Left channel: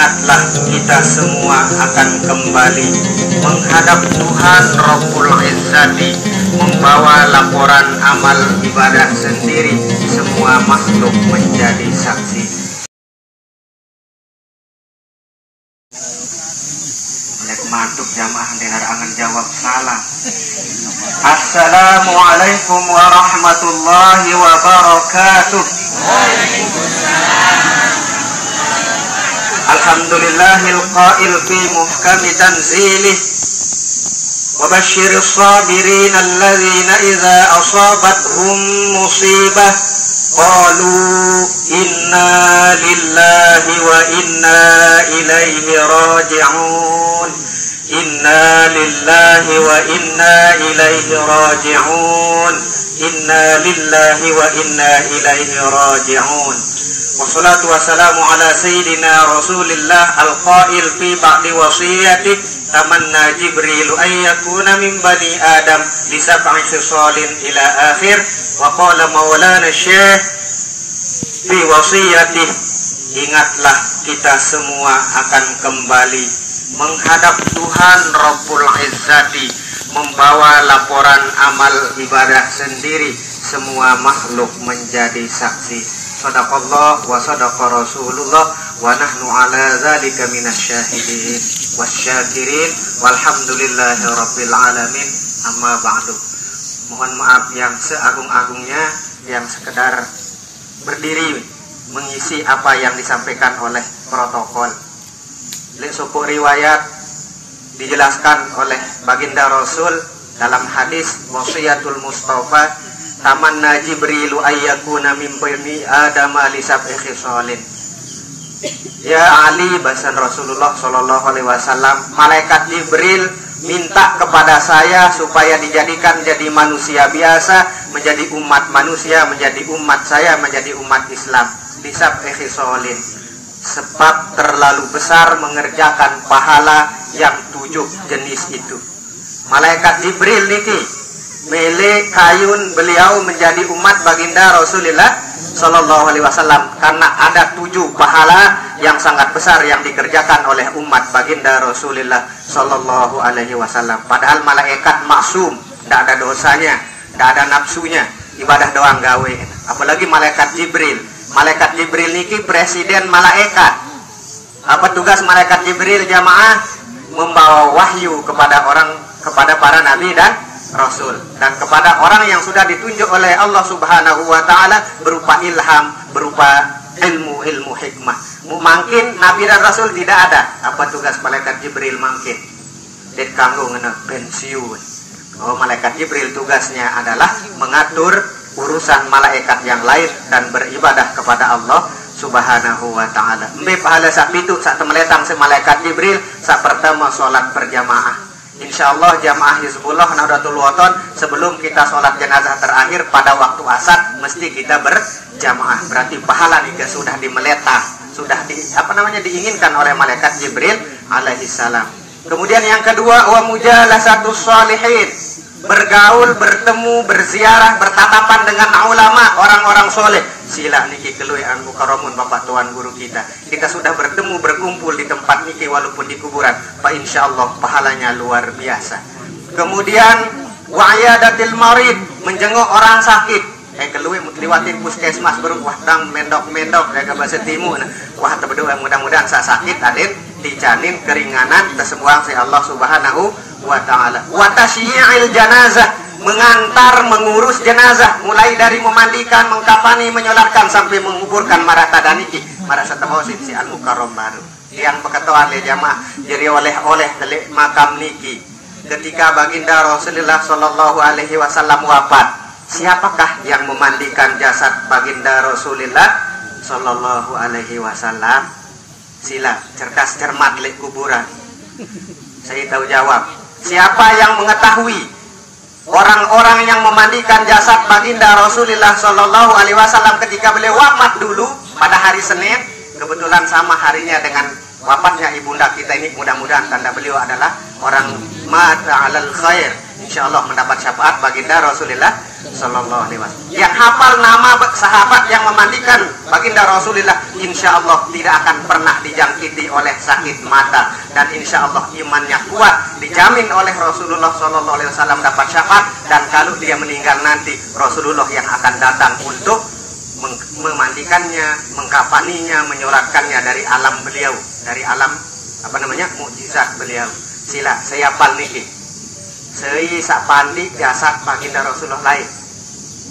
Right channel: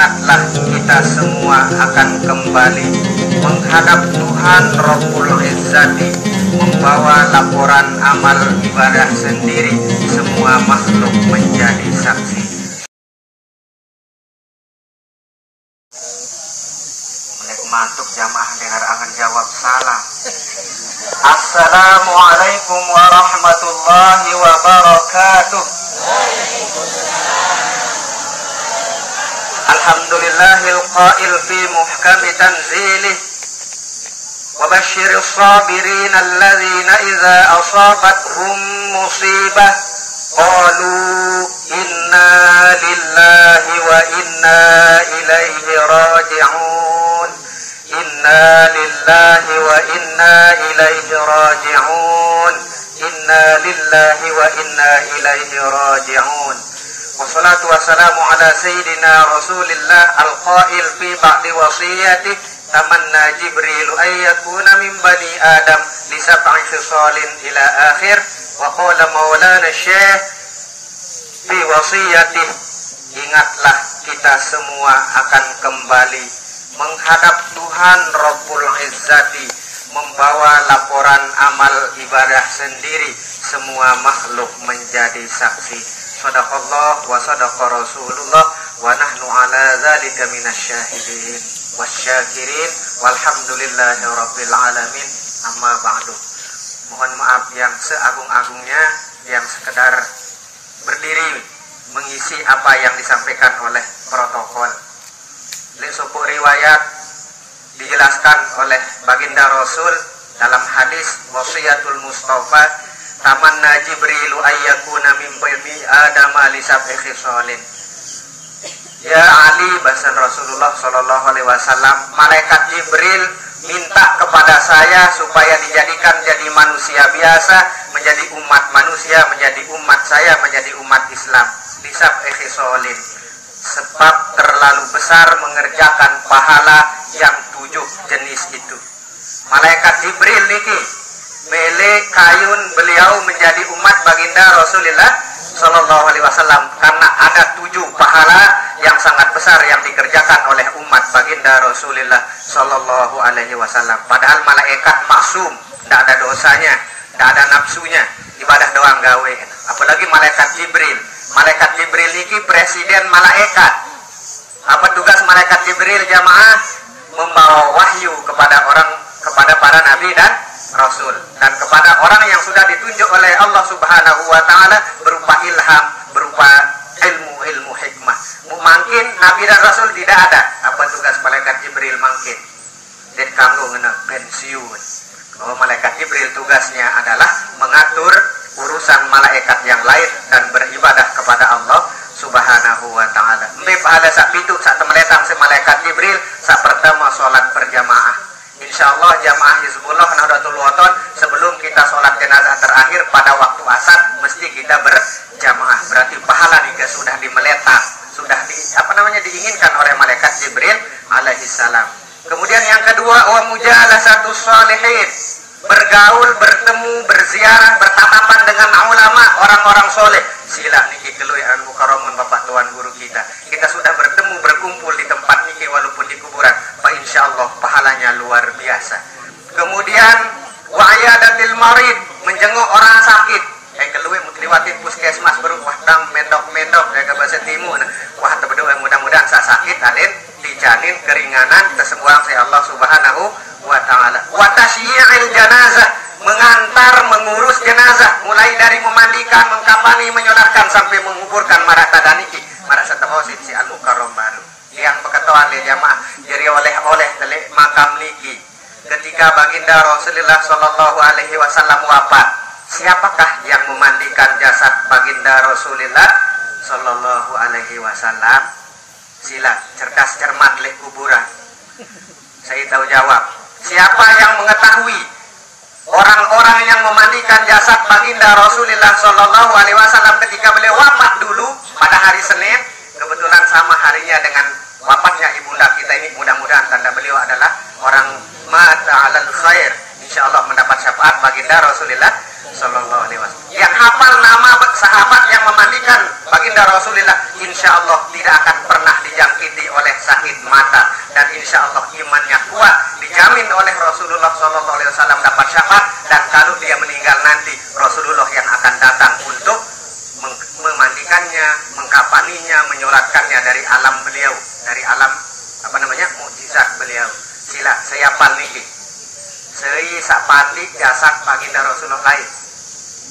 Ingatlah kita semua akan kembali menghadap Tuhan Rabbul Izzati, membawa laporan amal ibadah sendiri, semua makhluk menjadi saksi. Melek mantuk jamaah denar angan jawab salam. Assalamualaikum warahmatullahi wabarakatuh. Alhamdulillahil qail fi muhkami tanzilih wa basyiris sabirin alladzina idza asabathum musibah qalu inna lillahi wa inna ilaihi raji'un. Inna lillahi wa inna ilaihi raji'un. Inna lillahi wa inna ilaihi raji'un. Wassalatu wassalamu ala sayyidina Rasulillah al-qail fi ba'di wasiyatih tamanna Jibril ayyakuna min bani Adam li sab'i khisalin ila akhir. Wa qala maulana syekh fi wasiyatih, ingatlah kita semua akan kembali menghadap Tuhan Rabbul Izzati, membawa laporan amal ibadah sendiri, semua makhluk menjadi saksi. Sadaqallah wa sadaqa Rasulullah wa nahnu ala dzalika minasyahidin wasyakirin walhamdulillahi rabbil alamin. Amma ba'du. Mohon maaf yang seagung-agungnya yang sekedar berdiri mengisi apa yang disampaikan oleh protokol. Lesopok riwayat dijelaskan oleh baginda Rasul dalam hadis wasiyatul Mustafa, tamanna Jibrilu ayyakuna min bani Adam li sab'i khisalin. Ya Ali, bahasan Rasulullah sallallahu alaihi wasallam, malaikat Jibril minta kepada saya supaya dijadikan jadi manusia biasa, menjadi umat manusia, menjadi umat saya, menjadi umat Islam. Li sab'i khisalin, sebab terlalu besar mengerjakan pahala yang 7 jenis itu. Malaikat Jibril niki mele kayun beliau menjadi umat baginda Rasulullah sallallahu alaihi wasallam karena ada 7 pahala yang sangat besar yang dikerjakan oleh umat baginda Rasulullah sallallahu alaihi wasallam. Padahal malaikat maksum, tidak ada dosanya, tidak ada nafsunya, ibadah doang gawe. Apalagi malaikat Jibril. Malaikat Jibril niki presiden malaikat. Apa tugas malaikat Jibril jamaah? Membawa wahyu kepada para nabi dan Rasul, dan kepada orang yang sudah ditunjuk oleh Allah Subhanahu wa taala berupa ilham, berupa ilmu hikmah. Mungkin nabi dan rasul tidak ada. Apa tugas malaikat Jibril mungkin? Dan kamu ngena pensiun. Oh, malaikat Jibril tugasnya adalah mengatur urusan malaikat yang lain dan beribadah kepada Allah Subhanahu wa taala. Mbe pahala sak pitu sak temeletang si malaikat Jibril sak pertama salat berjamaah. Insyaallah jamaah Hizbullah Nahdlatul Wathon sebelum kita sholat jenazah terakhir pada waktu asar mesti kita berjamaah. Berarti pahala juga sudah dimeletang, sudah diinginkan oleh malaikat Jibril alaihi salam. Kemudian yang kedua, wa mujalasatus sholihin, bergaul, bertemu, berziarah, bertatapan dengan ulama, orang-orang soleh. Sila niki kelui an mukarramun bapak tuan guru kita. Kita sudah bertemu, berkumpul di tempat niki walaupun di kuburan. Pak insyaallah pahalanya luar biasa. Kemudian wa ayadatil marid, menjenguk orang sakit. Kelui liwatin puskesmas baru wah dang mendok-mendok jaga bahasa timur. Wah tebedo mudah-mudahan sa sakit aden dijanin keringanan tersembuhan si Allah Subhanahu wa taala. Wa tasyi'il janazah, mengantar, mengurus jenazah, mulai dari memandikan, mengkafani, menyolatkan sampai menguburkan marata daniki, marasa tamosin si al-mukarram baru. Yang peketoan le jamaah jadi oleh-oleh tele makam niki. Ketika baginda Rasulullah sallallahu alaihi wasallam wafat, siapakah yang memandikan jasad baginda Rasulullah sallallahu alaihi wasallam? Sila cerdas cermat le kuburan. Saya tahu jawab. Siapa yang mengetahui orang-orang yang memandikan jasad baginda Rasulullah sallallahu alaihi wasallam ketika beliau wafat dulu pada hari Senin, kebetulan sama harinya dengan wafatnya ibunda kita ini. Mudah-mudahan tanda beliau adalah orang mata alal khair, insyaallah mendapat syafaat baginda Rasulullah Sallallahu alaihi wasallam. Yang hafal nama sahabat yang memandikan baginda Rasulullah, insya Allah tidak akan pernah dijangkiti oleh sakit mata, dan insya Allah imannya kuat, dijamin oleh Rasulullah Sallallahu alaihi wasallam dapat syafaat, dan kalau dia meninggal nanti Rasulullah yang akan datang untuk memandikannya, mengkafaninya, menyolatkannya dari alam beliau, dari alam mukjizat beliau. Sila saya paniki, saya sak pandi jasad baginda Rasulullah lain.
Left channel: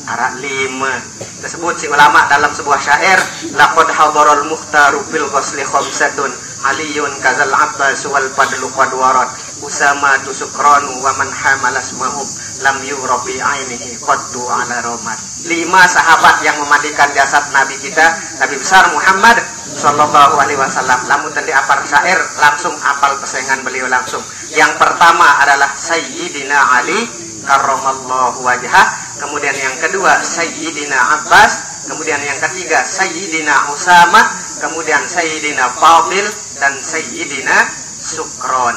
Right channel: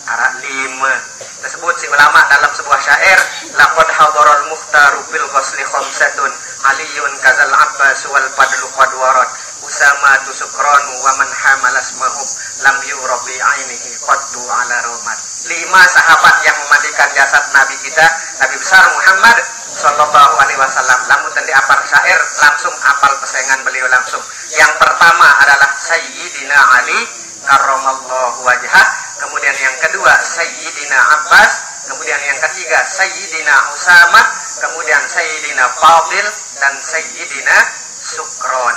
Arak 5 tersebut si ulama dalam sebuah syair, laqad hadarul muhtaru bil ghusli khamsatun aliyun kazal abbas wal fadlu qad warad usama tusukranu wa man hamalas mahum lam yurabi ainihi qaddu ala romat. 5 sahabat yang memandikan jasad Nabi kita, Nabi besar Muhammad Sallallahu alaihi wasallam. Lamun tadi apal syair langsung apal pesengan beliau langsung. Yang pertama adalah Sayyidina Ali karramallahu wajhah, kemudian yang kedua Sayyidina Abbas, kemudian yang ketiga Sayyidina Usama, kemudian Sayyidina Fadil, dan Sayyidina Sukron.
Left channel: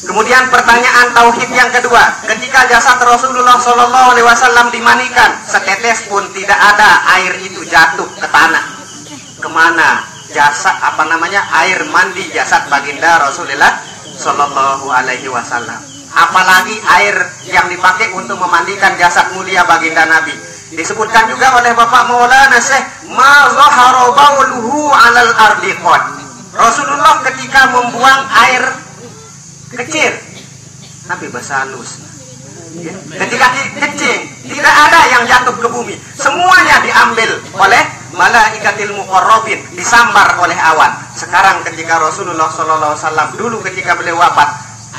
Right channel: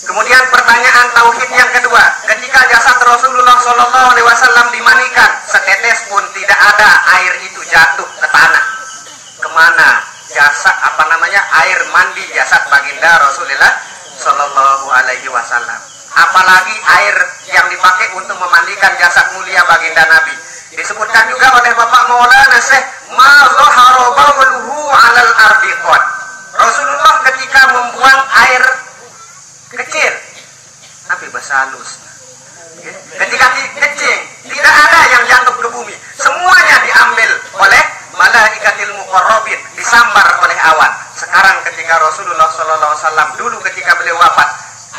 Kemudian pertanyaan tauhid yang kedua, ketika jasad Rasulullah Sallallahu alaihi wasallam dimandikan, setetes pun tidak ada air itu jatuh ke tanah. Kemana jasad air mandi jasad baginda Rasulullah Sallallahu alaihi wasallam? Apalagi air yang dipakai untuk memandikan jasad mulia baginda Nabi. Disebutkan juga oleh Bapak Maulana Syekh, ma zahara bawluhu 'alal ardi qad. Rasulullah ketika membuang air kecil, Nabi basalus. Ketika kecil, tidak ada yang jatuh ke bumi. Semuanya diambil oleh malaikatil muqarrabin, disambar oleh awan. Sekarang ketika Rasulullah sallallahu alaihi wasallam dulu ketika beliau wafat,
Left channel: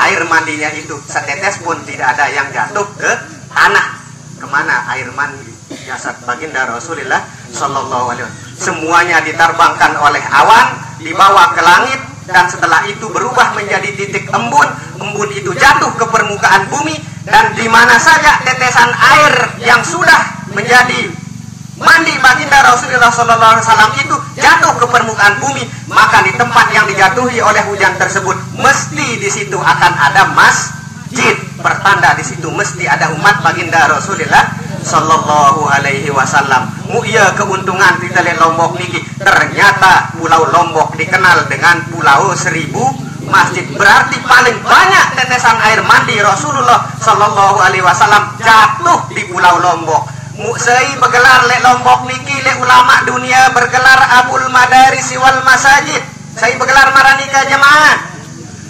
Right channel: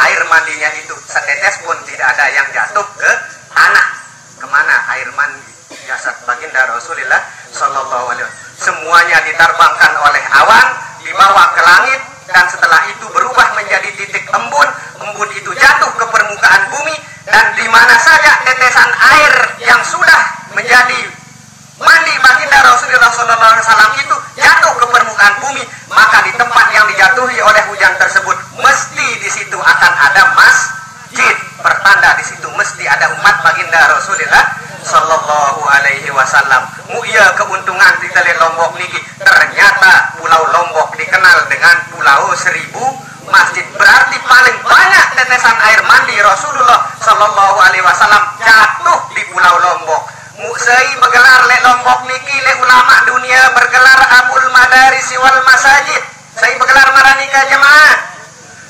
air mandinya itu setetes pun tidak ada yang jatuh ke tanah. Kemana air mandi jasad baginda Rasulullah sallallahu alaihi wasallam? Semuanya diterbangkan oleh awan, dibawa ke langit, dan setelah itu berubah menjadi titik embun. Embun itu jatuh ke permukaan bumi, dan di mana saja tetesan air yang sudah menjadi mandi baginda Rasulullah sallallahu alaihi wasallam itu jatuh ke permukaan bumi, maka di tempat yang dijatuhi oleh hujan tersebut mesti di situ akan ada masjid, pertanda di situ mesti ada umat baginda Rasulullah sallallahu alaihi wasallam. Mulia keuntungan kita lihat Lombok niki, ternyata Pulau Lombok dikenal dengan Pulau 1000 masjid. Berarti paling banyak tetesan air mandi Rasulullah sallallahu alaihi wasallam jatuh di Pulau Lombok. Musai bergelar lek Lombok niki, lek ulama dunia bergelar Abul Madaris wal Masajid. Saya bergelar maranika jemaah.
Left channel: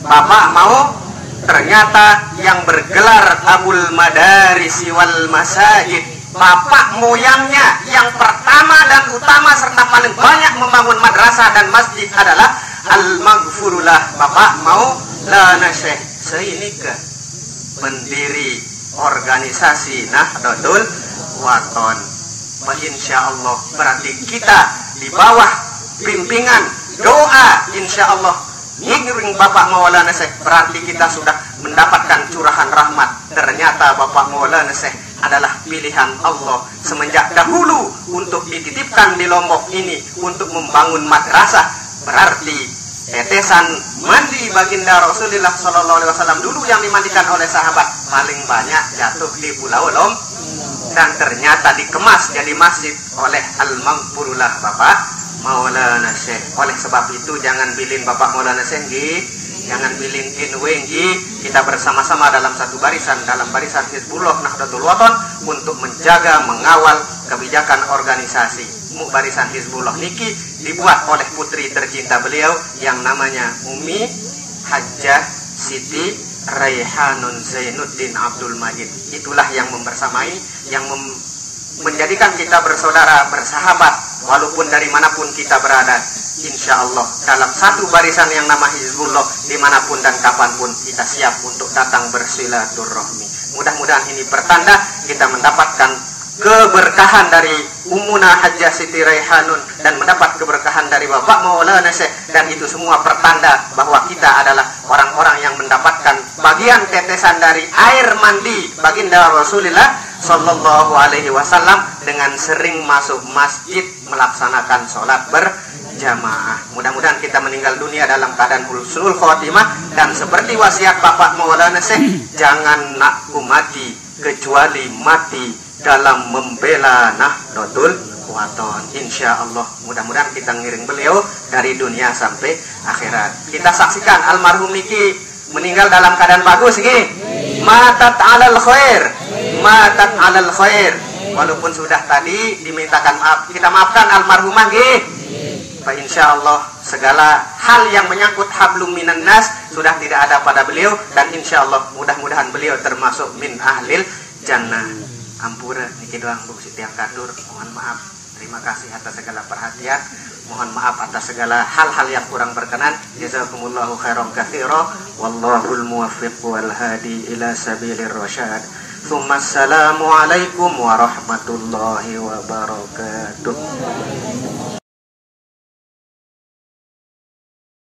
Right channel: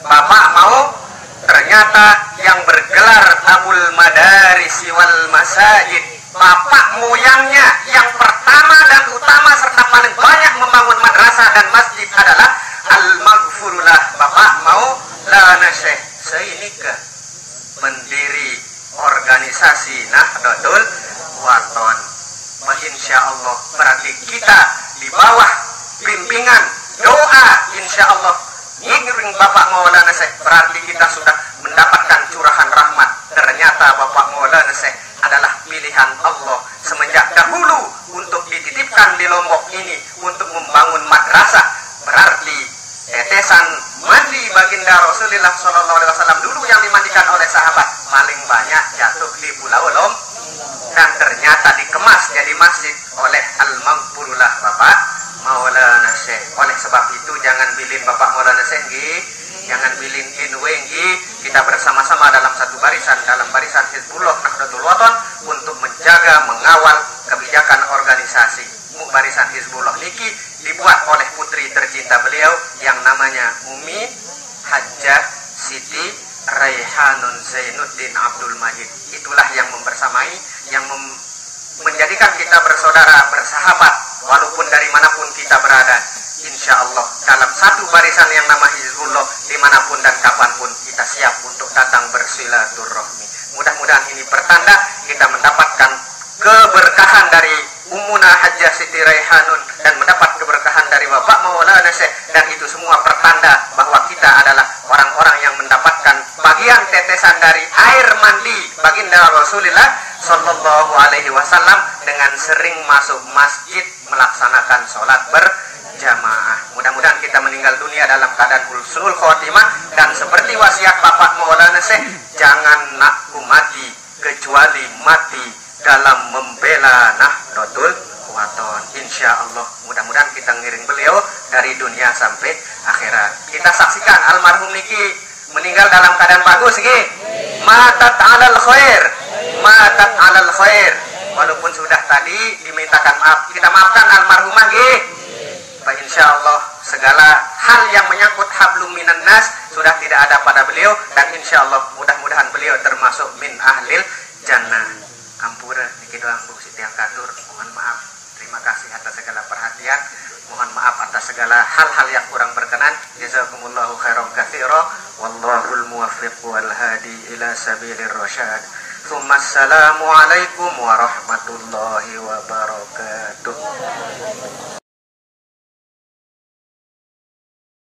Bapak mau? Ternyata yang bergelar Abul Madaris wal Masajid, bapak moyangnya yang pertama dan utama serta paling banyak membangun madrasah dan masjid adalah Al-Maghfurullah Bapak Maulana Syekh. Saya ini ke pendiri organisasi Nahdlatul Wathon. Insya Allah berarti kita di bawah bimbingan doa insya Allah ngiring Bapak Maulana Syekh, berarti kita sudah mendapatkan curahan rahmat. Ternyata Bapak Maulana Syekh adalah pilihan Allah semenjak dahulu untuk dititipkan di Lombok ini untuk membangun madrasah. Berarti tetesan mandi baginda Rasulullah sallallahu alaihi wasallam dulu yang dimandikan oleh sahabat paling banyak jatuh di Pulau Lombok, dan ternyata dikemas jadi masjid oleh Al-Maghfurullah Bapak Maulana Syekh. Oleh sebab itu jangan bilin Bapak Maulana Syekh nggih, jangan bilin inwe nggih. Kita bersama-sama dalam satu barisan, dalam barisan Hizbullah Nahdlatul Wathon untuk menjaga, mengawal kebijakan organisasi. Barisan Hizbullah niki dibuat oleh putri tercinta beliau yang namanya Umi Hajjah Siti Raihanun Zainuddin Abdul Majid. Itulah yang membersamai, yang menjadikan kita bersaudara, bersahabat, walaupun dari manapun kita berada. Insya Allah dalam satu barisan yang nama Hizbullah, dimanapun dan kapanpun kita siap untuk datang bersilaturahmi. Mudah-mudahan ini pertanda kita mendapatkan keberkahan dari Ummuna Hajjah Siti Raihanun dan mendapat keberkahan dari Bapak Maulana Syekh, dan itu semua pertanda bahwa kita adalah orang-orang yang mendapatkan bagian tetesan dari air mandi baginda Rasulullah sallallahu alaihi wasallam dengan sering masuk masjid melaksanakan sholat berjamaah. Mudah-mudahan kita meninggal dunia dalam keadaan husnul khotimah, dan seperti wasiat Bapak Maulana Syekh, jangan nak mati kecuali mati dalam membela Nahdlatul Wathon. Insya Allah mudah-mudahan kita ngiring beliau dari dunia sampai akhirat. Kita saksikan almarhum niki meninggal dalam keadaan bagus nggih. Matat 'alal khair. Matat 'alal khair. Walaupun sudah tadi dimintakan maaf, kita maafkan almarhumah nggih. Pak insya Allah segala hal yang menyangkut hablum minan nas sudah tidak ada pada beliau, dan insya Allah mudah-mudahan beliau termasuk min ahlil jannah. Ampura niki doang Bu Siti Angkatur, mohon maaf. Terima kasih atas segala perhatian. Mohon maaf atas segala hal-hal yang kurang berkenan. Jazakumullahu khairan katsira. Wallahul muwaffiq wal hadi ila sabilir rasyad. Assalamualaikum warahmatullahi wabarakatuh.